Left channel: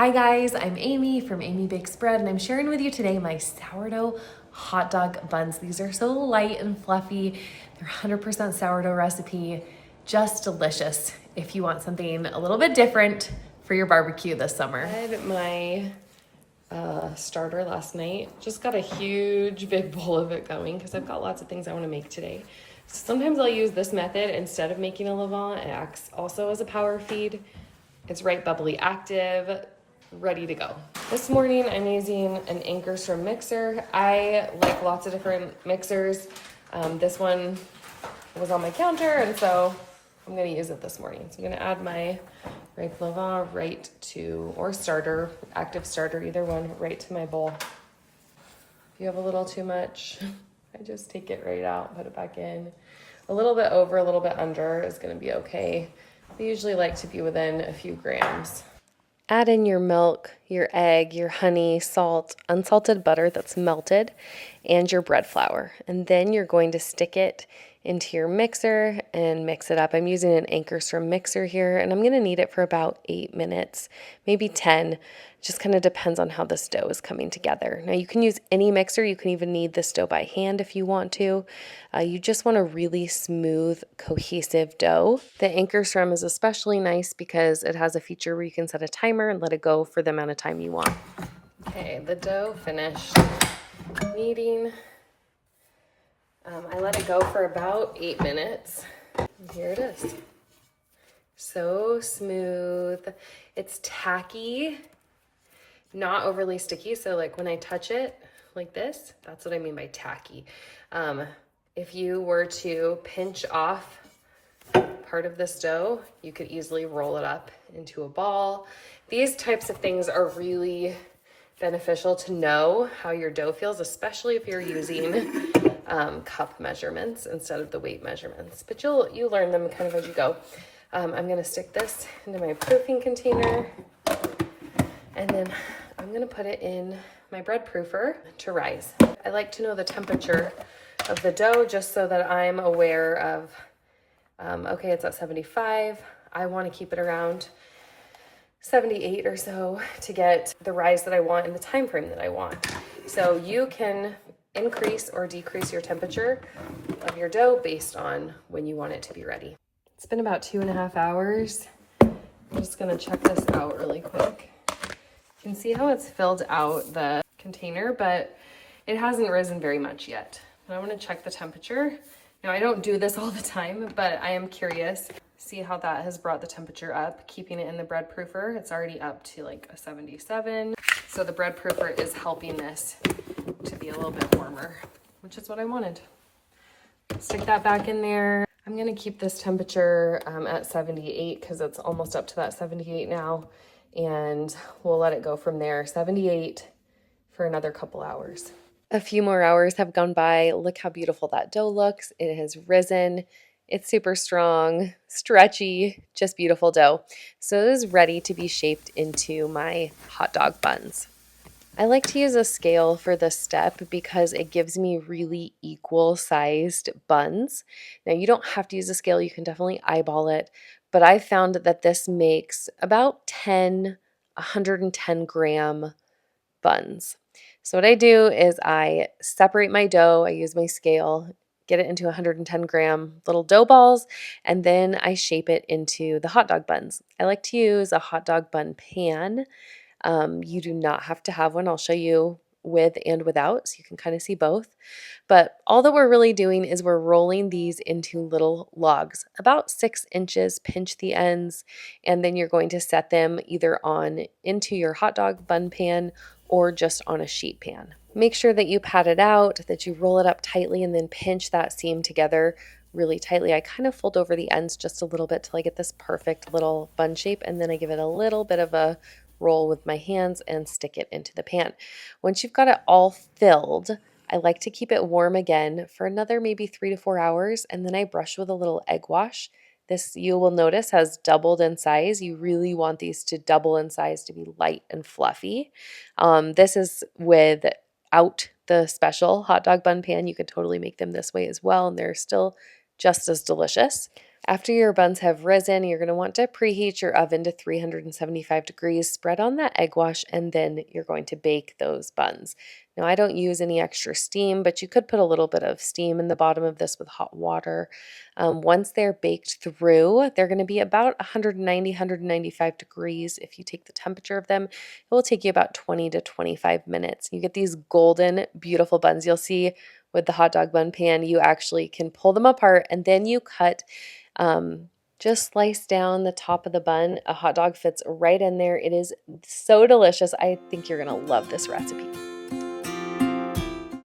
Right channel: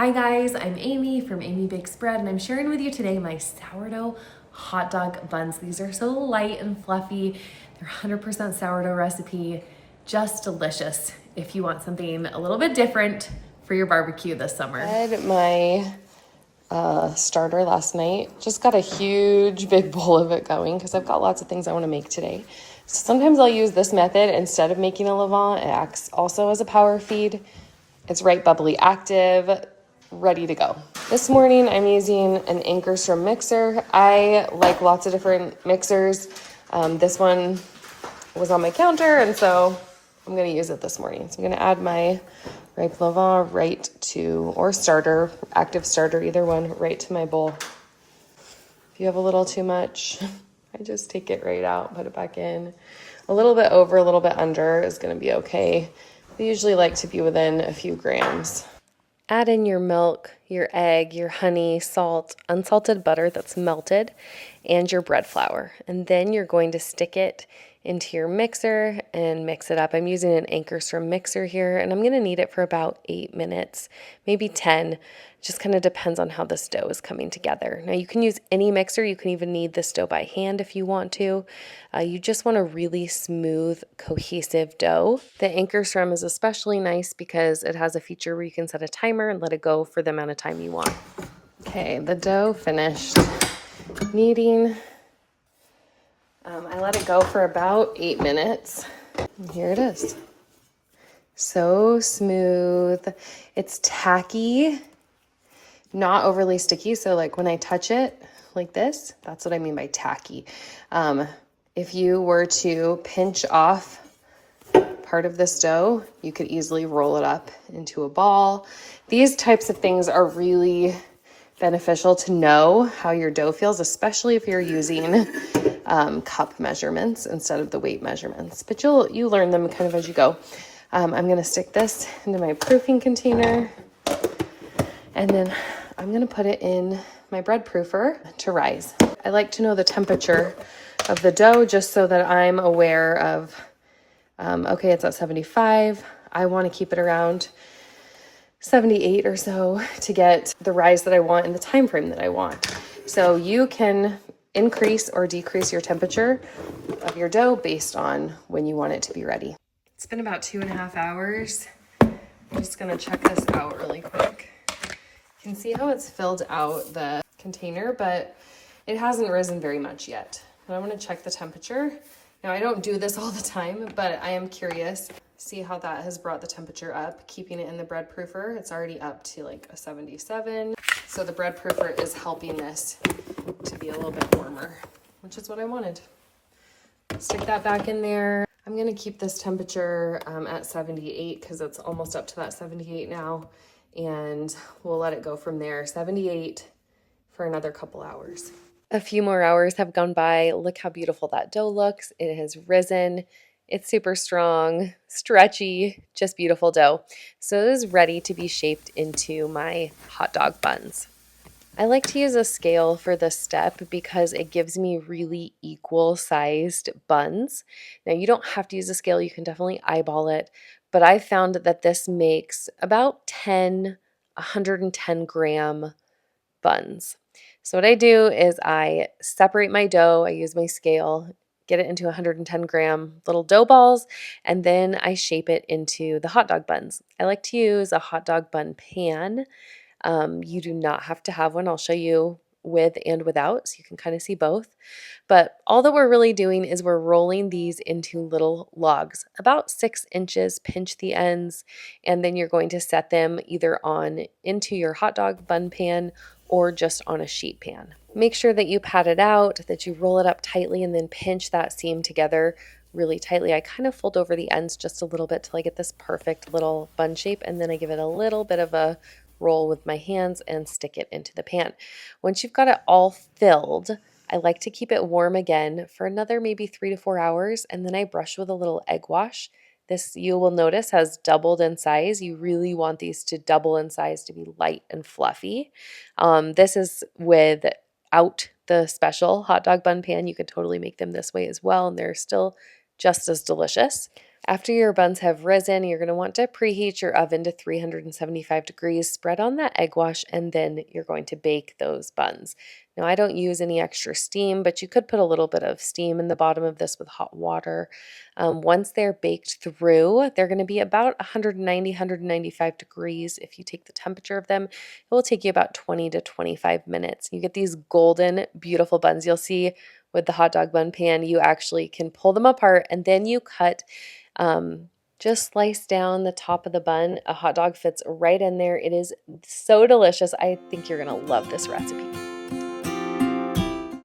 Hi guys, I'm Amy from Amy Bakes Bread, and I'm sharing with you today my sourdough hot dog buns. These are so light and fluffy. They're 100% sourdough recipe, just delicious if you want something a little bit different for your barbecue this summer. I had my starter last night. Just got a huge big bowl of it going because I've got lots of things I want to make today. So sometimes I'll use this method instead of making a levain. It acts also as a power feed. It's right bubbly active, ready to go. This morning I'm using an Ankerstrom mixer. I like lots of different mixers. This one was on my counter, and so I'm gonna use it this morning. So I'm gonna add my ripe levain right to, or starter, active starter, either one, right to my bowl. If you have a little too much, I just take it right out, put it back in. A little bit over, a little bit under is gonna be okay. I usually like to be within a few grams. Add in your milk, your egg, your honey, salt, unsalted butter that's melted, and your bread flour. And then you're going to stick it into your mixer and mix it up. I'm using an Ankerstrom mixer here, and I'm going to knead it for about 8 minutes, maybe 10. Just kind of depends on how this dough is coming together. Now you can use any mixer. You can even knead this dough by hand if you want to. You just want a really smooth, cohesive dough. The Ankerstrom is especially nice because it has a feature where you can set a timer and let it go for the amount of time you want. Okay, the dough finished kneading. I let it go for about 8 minutes. And here it is. So smooth. It's tacky, not overly sticky. So like when I touch it like this, that's what I mean by tacky. If you were to pinch off part of this dough, you could easily roll it up into a ball. These types of things are really beneficial to know how your dough feels, especially if you're using cup measurements instead of the weight measurements. But you learn them kind of as you go. I'm gonna stick this into my proofing container, and then I'm gonna put it in my bread proofer to rise. I like to know the temperature of the dough just so that I'm aware of, okay, it's at 75. I want to keep it around 78 or so to get the rise that I want in the time frame that I want. So you can increase or decrease your temperature of your dough based on when you want it to be ready. It's been about 2.5 hours. I'm just gonna check this out really quick. You can see how it's filled out the container, but it hasn't risen very much yet. And I'm gonna check the temperature. Now I don't do this all the time, but I am curious. See how that has brought the temperature up, keeping it in the bread proofer. It's already up to like a 77. So the bread proofer is helping this to be a little bit warmer, which is what I wanted. Stick that back in there. I'm gonna keep this temperature at 78 because it's almost up to that 78 now. And we'll let it go from there, 78 for another couple hours. A few more hours have gone by. Look how beautiful that dough looks. It has risen. It's super strong, stretchy, just beautiful dough. So it is ready to be shaped into my hot dog buns. I like to use a scale for this step because it gives me really equal sized buns. Now you don't have to use a scale, you can definitely eyeball it, but I found that this makes about 110 gram buns. So what I do is I separate my dough, I use my scale, get it into 110 gram little dough balls, and then I shape it into the hot dog buns. I like to use a hot dog bun pan. You do not have to have one. I'll show you with and without, so you can kind of see both. But all that we're really doing is we're rolling these into little logs, about 6 inches, pinch the ends, and then you're going to set them either on into your hot dog bun pan or just on a sheet pan. Make sure that you pat it out, that you roll it up tightly, and then pinch that seam together really tightly. I kind of fold over the ends just a little bit till I get this perfect little bun shape, and then I give it a little bit of a roll with my hands and stick it into the pan. Once you've got it all filled, I like to keep it warm again for another maybe 3 to 4 hours, and then I brush with a little egg wash. This, you will notice, has doubled in size. You really want these to double in size to be light and fluffy. This is without the special hot dog bun pan. You could totally make them this way as well, and they're still just as delicious. After your buns have risen, you're going to want to preheat your oven to 375 degrees, spread on that egg wash, and then you're going to bake those buns. Now, I don't use any extra steam, but you could put a little bit of steam in the bottom of this with hot water. Once they're baked through, they're going to be about 190, 195 degrees. If you take the temperature of them, it will take you about 20 to 25 minutes. You get these golden, beautiful buns. You'll see with the hot dog bun pan, you actually can pull them apart and then you cut just slice down the top of the bun. A hot dog fits right in there. It is so delicious. I think you're going to love this recipe.